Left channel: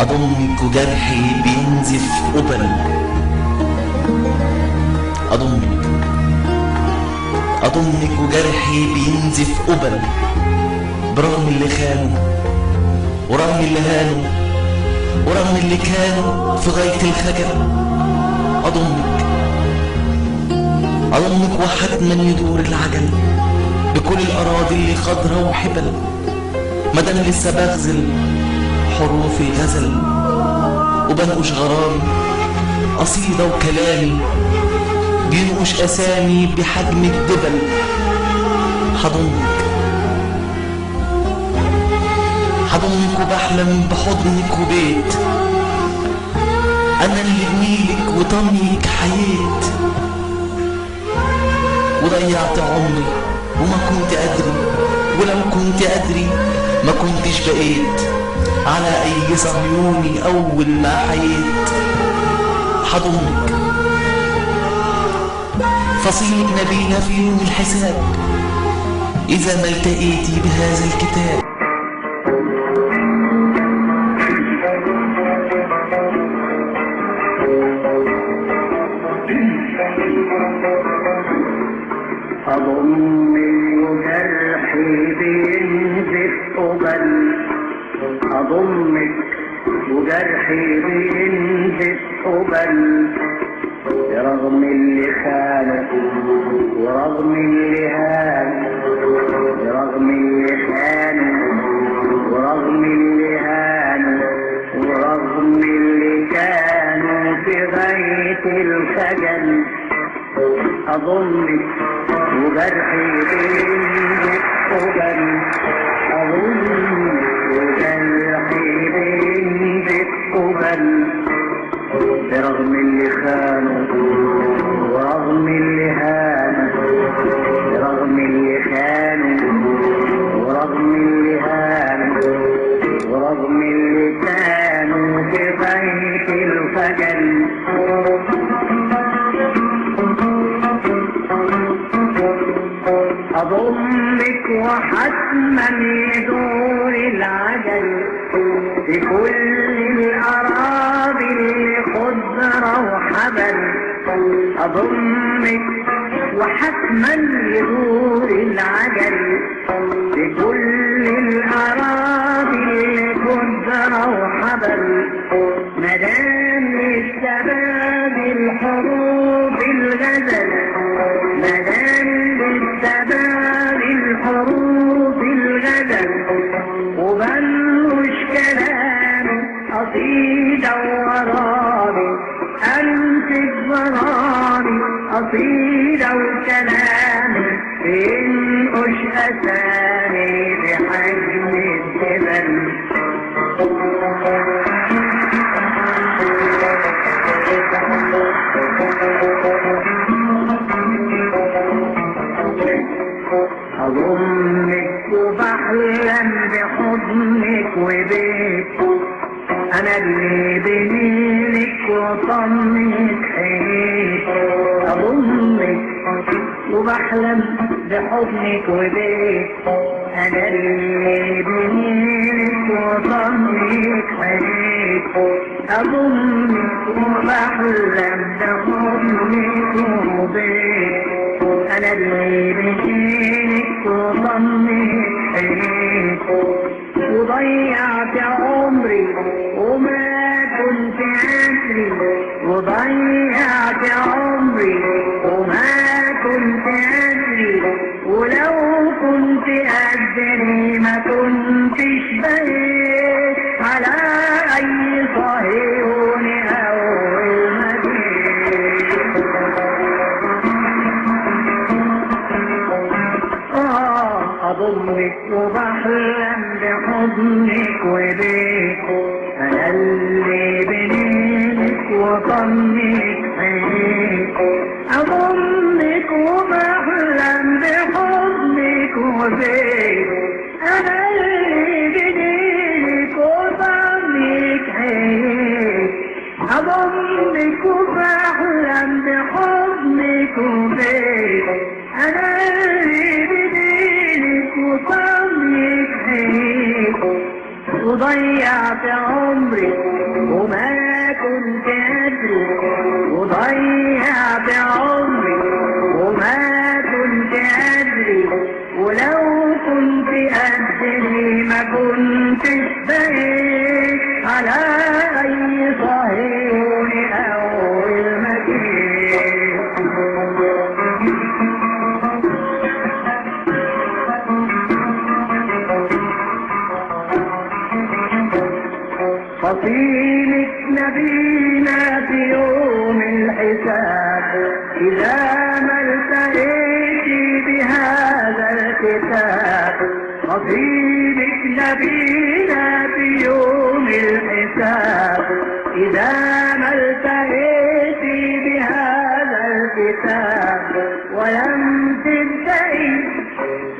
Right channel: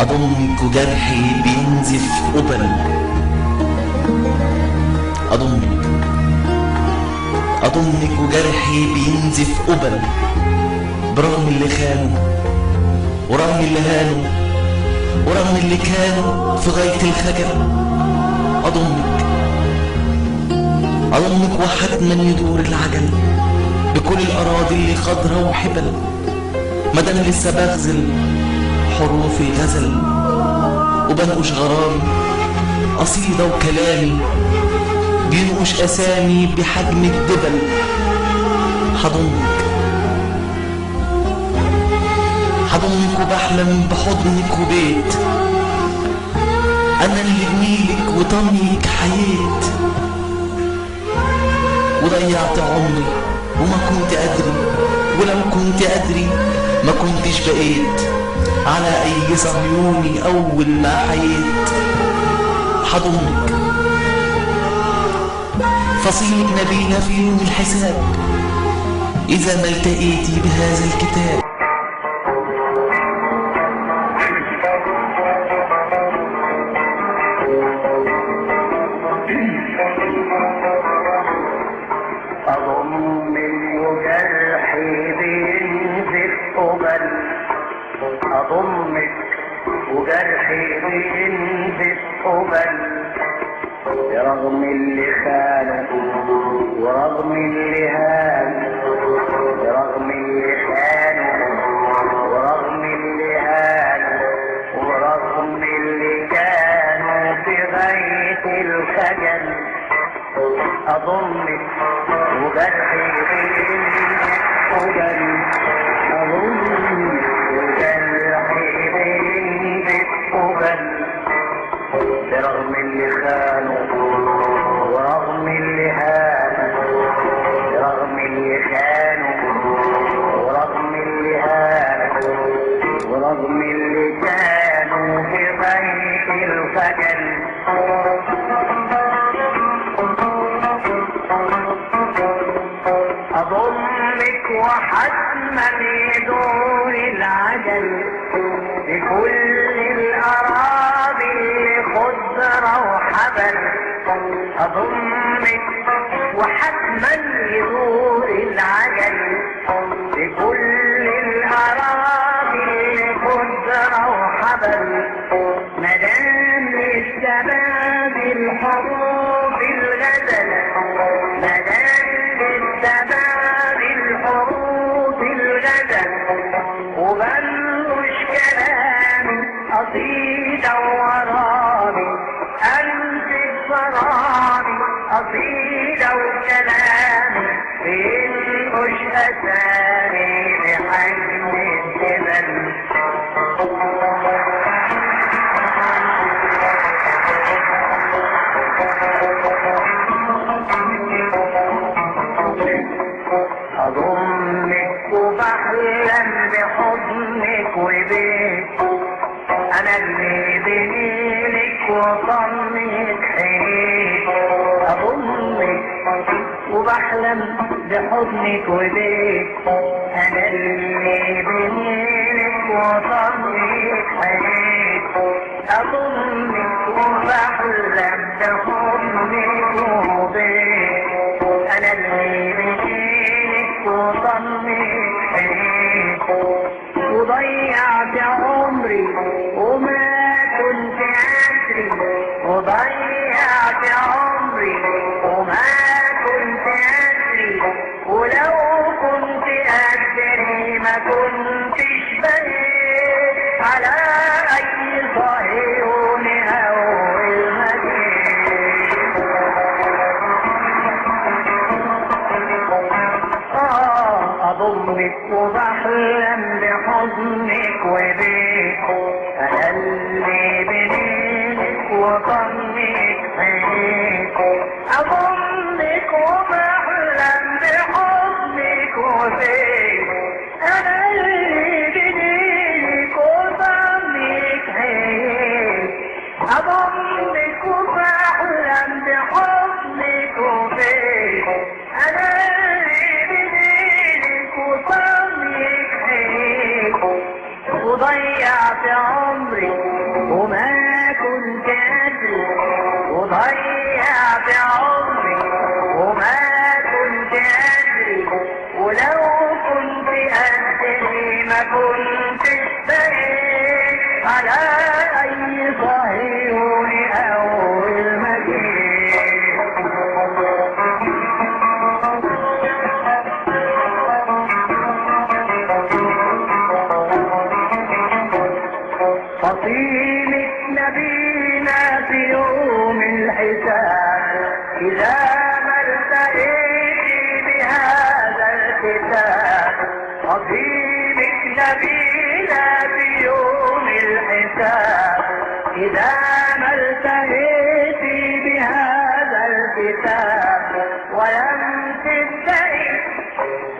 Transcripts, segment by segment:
أضمك وجرحي بينزف قبل، أضمك وجرحي بينزف قبل، برغم اللي خانوا ورغم اللي هانوا ورغم اللي كانوا في غاية الخجل. أضمك وحتما يدور العجل بكل الأراضي اللي خضرة وحبل، مدام لسه بغزل حروف الغزل وبنقش غرامي قصيدة وكلامي بينقش أسامي بحجم الدبل. حضنك وبحلم بحضنك وبيت أنا اللي بنيلك وطنيك حييت، وضيعت عمري وما كنت أدري، ولو كنت أدري ما كنتش بقيت على أي صهيوني أول ما حييت. حضنك فصيلك نبينا في يوم الحساب إذا ما التقيتي بهذا الكتاب. أضمي وجرحي بينزف قبل، أضمك وجرحي بينزف قبل، رغم اللي خانك ورغم اللي هانك، ورغم اللي خانك ورغم اللي هانك، ورغم اللي كانوا في غاية الخجل. أضمك وجرحي بينزف قبل، أضمك وجرحي بينزف قبل، برغم اللي خانك ورغم اللي هانك، ورغم اللي خانك ورغم اللي هانك، ورغم اللي كانوا في غاية الخجل. أضمك وحتما يدور العجل بكل الأراضي اللي خضرة وحبل. أضمك وحتما يدور العجل بكل الأراضي اللي خضرة وحبل، مدام الشباب الحروب الغزل، مدام الشباب الحروب الغزل، وبنوش كلام قصيدة ورامي أنت الظلام، قصيدة وكلام ينقش أسامي بحجم الجبل. أضمك وبحلم بحضنك وبيك أنا اللي بميلك وطنك حييك. أضمك وبحلم بحضنك وبيك أنا اللي بميلك وطنك حييك. أضمك وبحلم بحضنك وبيك أنا اللي بميلك وطنك حييك. وضيعت عمري وما كنت أدري، وضيعت عمري وما كنت أدري، ولو كنت أدري ما كنتش بقيت على أي صهيون أول ما جيت. أضمك وبحلم بحضنك وبيك أنا اللي بميلك وطنك حييك. أضمك وبحلم بحضنك وبيك أنا اللي بميلك وطنك حييك. أضمك وبحلم بحضنك وبيك أنا اللي بميلك وطنك حييك. وضيعت عمري وما كنت أدري، وضيعت عمري وما كنت أدري، ولو كنت أدري ما كنتش بقيت على أي صهيون أول ما جيت. فصيلة نبينا في يوم الحساب إذا ما التقيت بهذا الكتاب، فصيلة نبينا في يوم الحساب إذا ما التقيت بهذا الكتاب، ولم تبتئي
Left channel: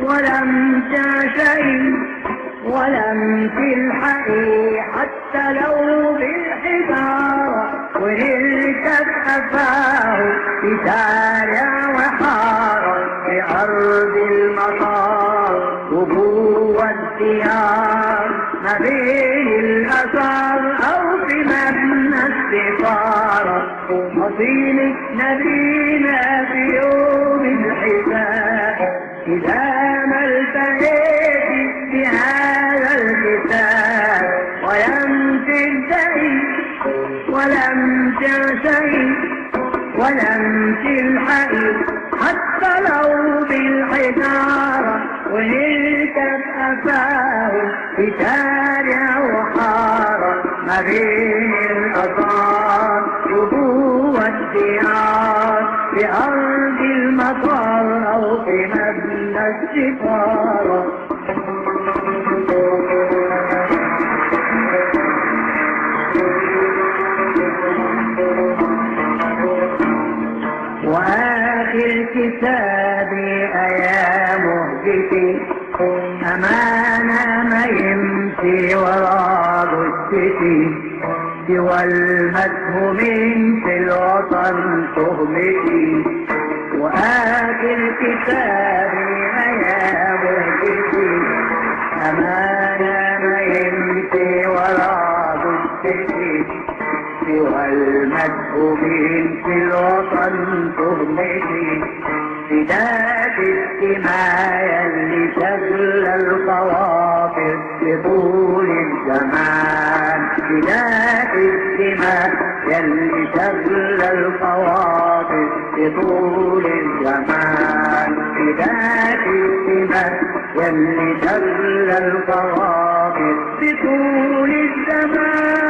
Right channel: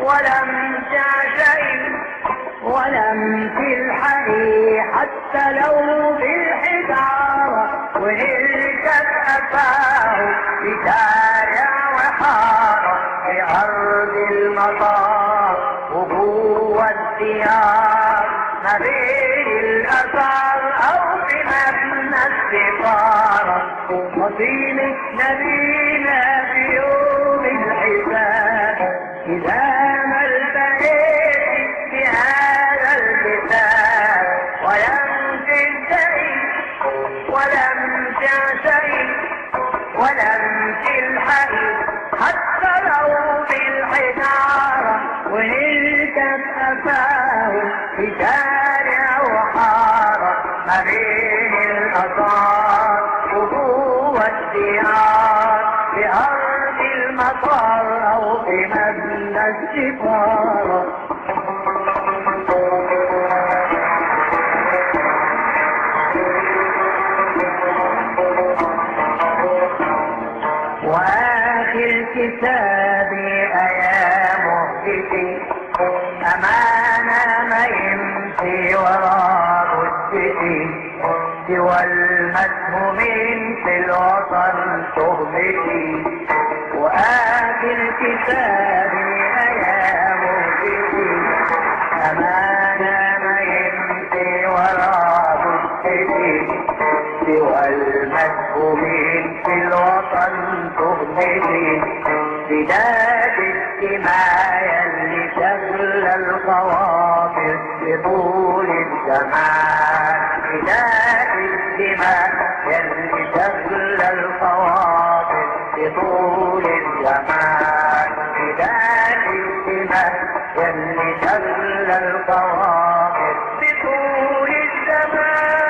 ولم تعشقي ولم تلحقي حتى لو بالحجارة، ونلتف أفاه في شارع وحارة في أرض المطار وجوه الديار، ما بين الآثار أو في مبنى السفارة، فصيلة نبينا في يوم الحساب إذا ما التقيت بهذا الكتاب، ولم تنتهي ولم تعشقي ولم تلحقي حتى لو بالحجارة، ونلتف أفاه في شارع وحارة ما بين الآثار وجوه الديار في أرض المطار أو في مبنى السفارة. وآخر كتابي أيا مهجتي أمانة ما يمشي ورا جثتي، سوى المسهومين في الوطن تهمتي. وآخر كتابي أيا مهجتي أمانة ما يمشي ورا جثتي، سوى المسؤولين في الوطن تهمتي. فداك الدماء اللي شغل الخواطر لطول الزمان، فداك الدماء اللي شغل الخواطر لطول الزمان، فداك الدماء اللي شغل الخواطر لطول الزمان.